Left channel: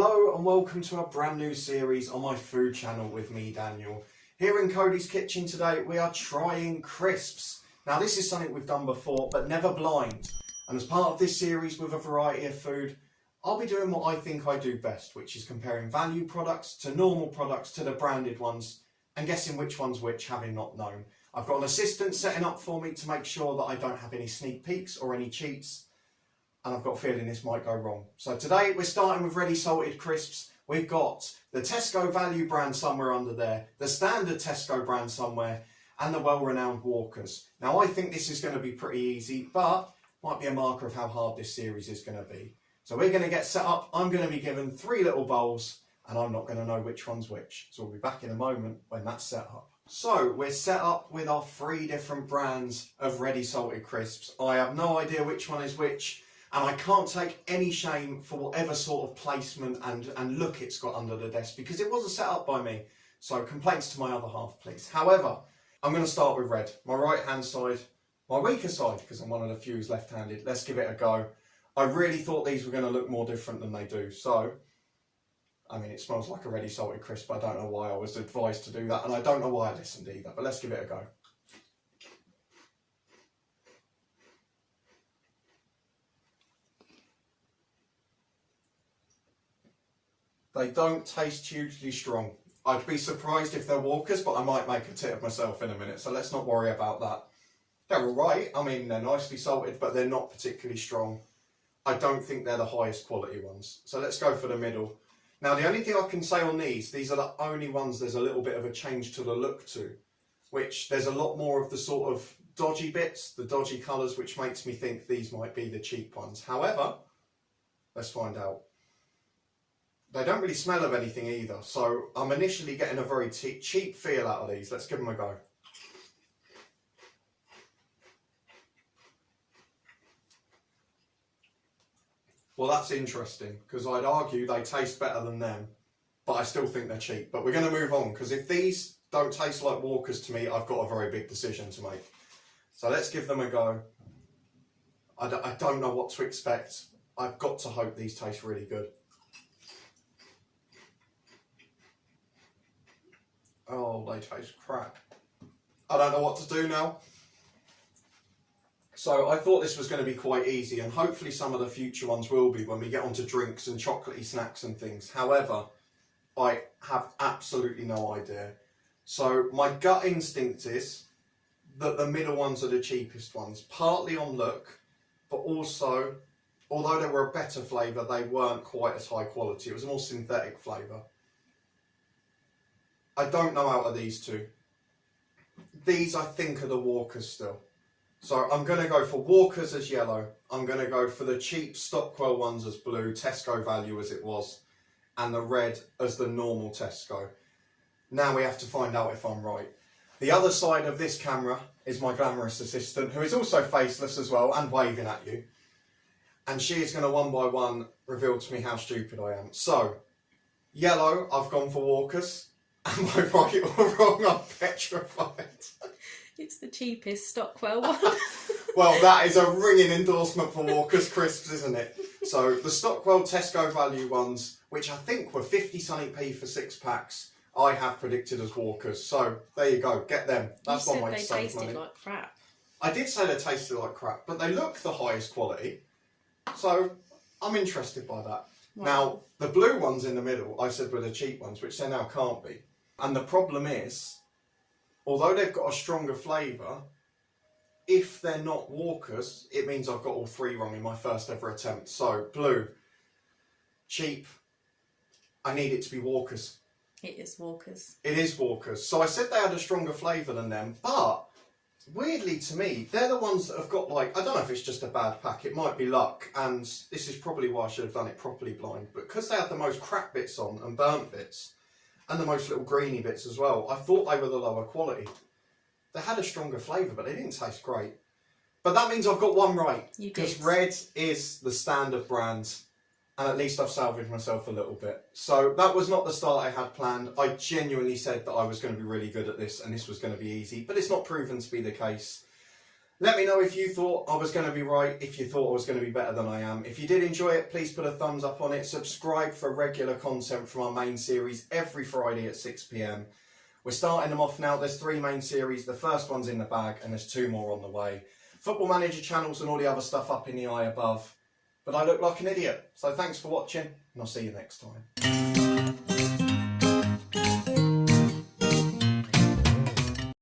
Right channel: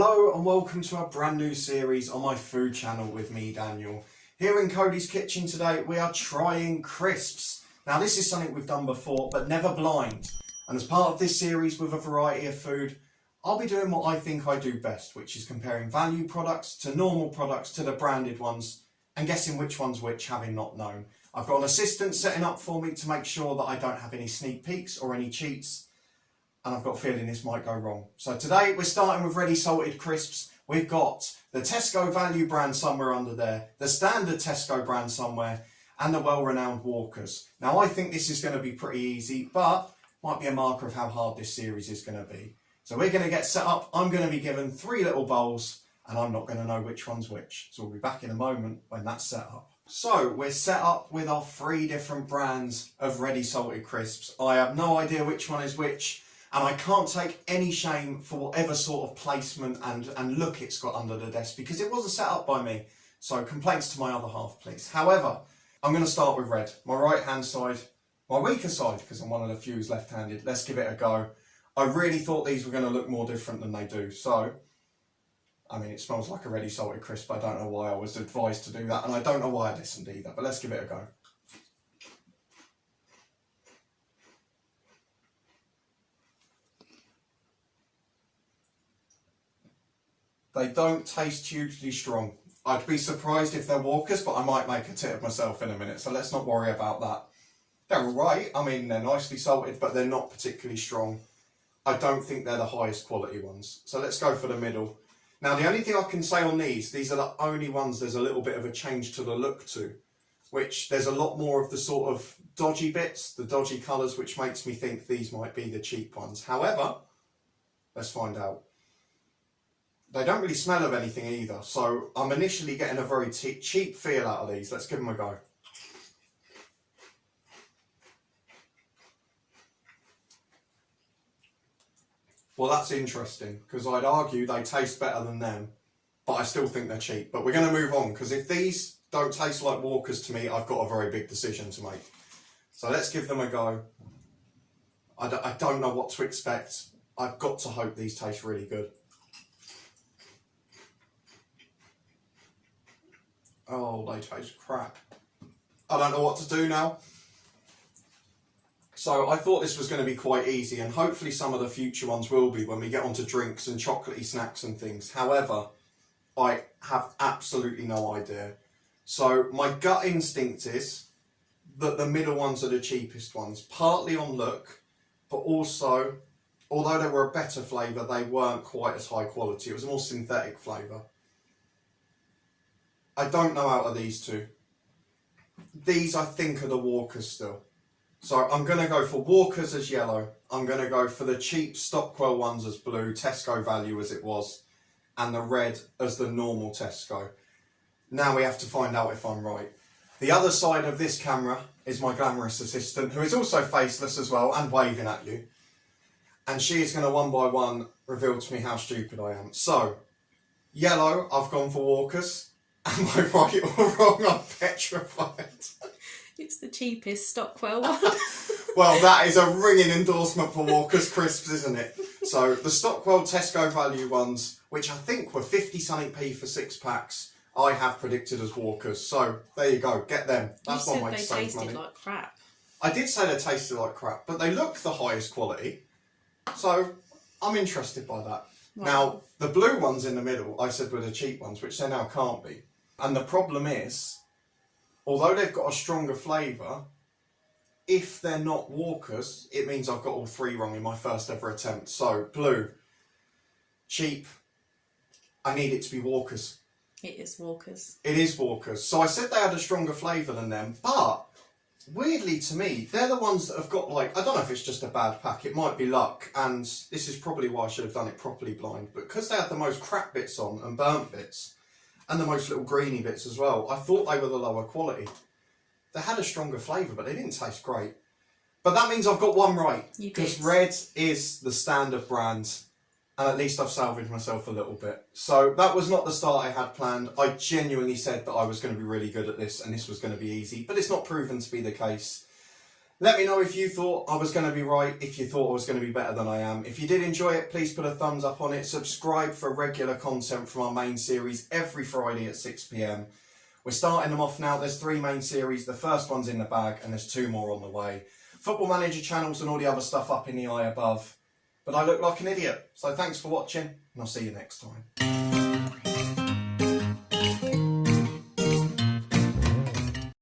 Hello and welcome to a brand new series on my food channel with me, Daniel. Here in Coady's kitchen today we are trying crisps. Now this is something we've done before but never blind, and as part of this series with a variety of food I'll be doing what I think I do best, which is comparing value products to normal products to the branded ones and guessing which one's which, having not known. I've got an assistant setting up for me to make sure that I don't have any sneak peeks or any cheats, and I've got a feeling this might go wrong. So today we're starting with ready salted crisps. We've got the Tesco Value brand somewhere under there, the standard Tesco brand somewhere, and the well-renowned Walkers. Now I think this is going to be pretty easy, but might be a marker of how hard this series is going to be. So we're going to get set up. I'm going to be given 3 little bowls and I'm not going to know which one's which. So we'll be back in a moment when that's set up. So we're set up with our 3 different brands of ready salted crisps. I have no idea which one is which, and I can't take any shame for whatever sort of placement and look it's got under the desk, because it wasn't set up by me. So complaints to my other half, please. However, I'm going to start with red, my right hand side, my weaker side, because I'm one of the few who's left-handed. Let's give it a go. I really thought these were going to look more different than they do. So, I mean, it smells like a ready salted crisp. I don't know why I was advised to do that, and I don't know why I listened either, but let's give it a go. They don't taste hugely strong. I'd be surprised if they're Walkers, but I might make a tit of myself in a minute, so let's not worry about that. They're alright. I mean, they're nicely salted, but they're not particularly strong. I don't think they're the highest quality ones. So let's go for the middle. Now, the only thing I can say on these are the only ones there's a little bit of a change to the look to, which there's a lot more of the sort of dodgy bits, the dodgy colours, which makes me think these might be the cheap ones. However, let's find out. They don't really smell of anything either, so I'm initially getting a very cheap feel out of these. Let's give them a go. Well, that's interesting, because I'd argue they taste better than them, but I still think they're cheap. But we're going to move on, because if these don't taste like Walkers to me, I've got a very big decision to make. So let's give them a go. I don't know what to expect. I've got to hope these taste really good. Oh, they taste crap. I don't know what to do now. So I thought this was going to be quite easy, and hopefully some of the future ones will be when we get onto drinks and chocolatey snacks and things. However, I have absolutely no idea. So my gut instinct is that the middle ones are the cheapest ones, partly on look, but also, although they were a better flavour, they weren't quite as high quality. It was more synthetic flavour. I don't know out of these two. These I think are the Walkers still. So I'm going to go for Walkers as yellow. I'm going to go for the cheap Stockwell ones as blue, Tesco Value as it was, and the red as the normal Tesco. Now we have to find out if I'm right. The other side of this camera is my glamorous assistant, who is also faceless as well and waving at you. And she is going to one by one reveal to me how stupid I am. So, yellow, I've gone for Walkers. Am I right or wrong? I'm petrified. It's the cheapest Stockwell one. Well, that is a ringing endorsement for Walker's Crisps, isn't it? So the Stockwell Tesco Value ones, which I think were 50 something p for 6 packs, I have predicted as Walkers. So there you go, get them. That's one way to save money. You said they tasted like crap. I did say they tasted like crap, but they look the highest quality. So I'm interested by that. Wow. Now, the blue ones in the middle, I said were the cheap ones, which they now can't be. And the problem is, although they've got a stronger flavour, if they're not Walkers, it means I've got all 3 wrong in my first ever attempt. So, blue, cheap, I need it to be Walkers. It is Walkers. It is Walkers. So I said they had a stronger flavour than them, but weirdly to me, they're the ones that have got, like, I don't know if it's just a bad pack, it might be luck, and this is probably why I should have done it properly blind, but because they had the most crap bits on and burnt bits, and the most little greeny bits as well, I thought they were the lower quality. They had a stronger flavour, but they didn't taste great. But that means I've got one right. Because red is the standard brand, and at least I've salvaged myself a little bit. So that was not the start I had planned. I genuinely said that I was going to be really good at this, and this was going to be easy, but it's not proven to be the case. Let me know if you thought I was going to be right, if you thought I was going to be better than I am. If you did enjoy it, please put a thumbs up on it. Subscribe for regular content from our main series every Friday at 6 p.m. We're starting them off now. There's 3 main series. The first one's in the bag and there's 2 more on the way. Football Manager channels and all the other stuff up in the eye above. But I look like an idiot. So thanks for watching and I'll see you next time.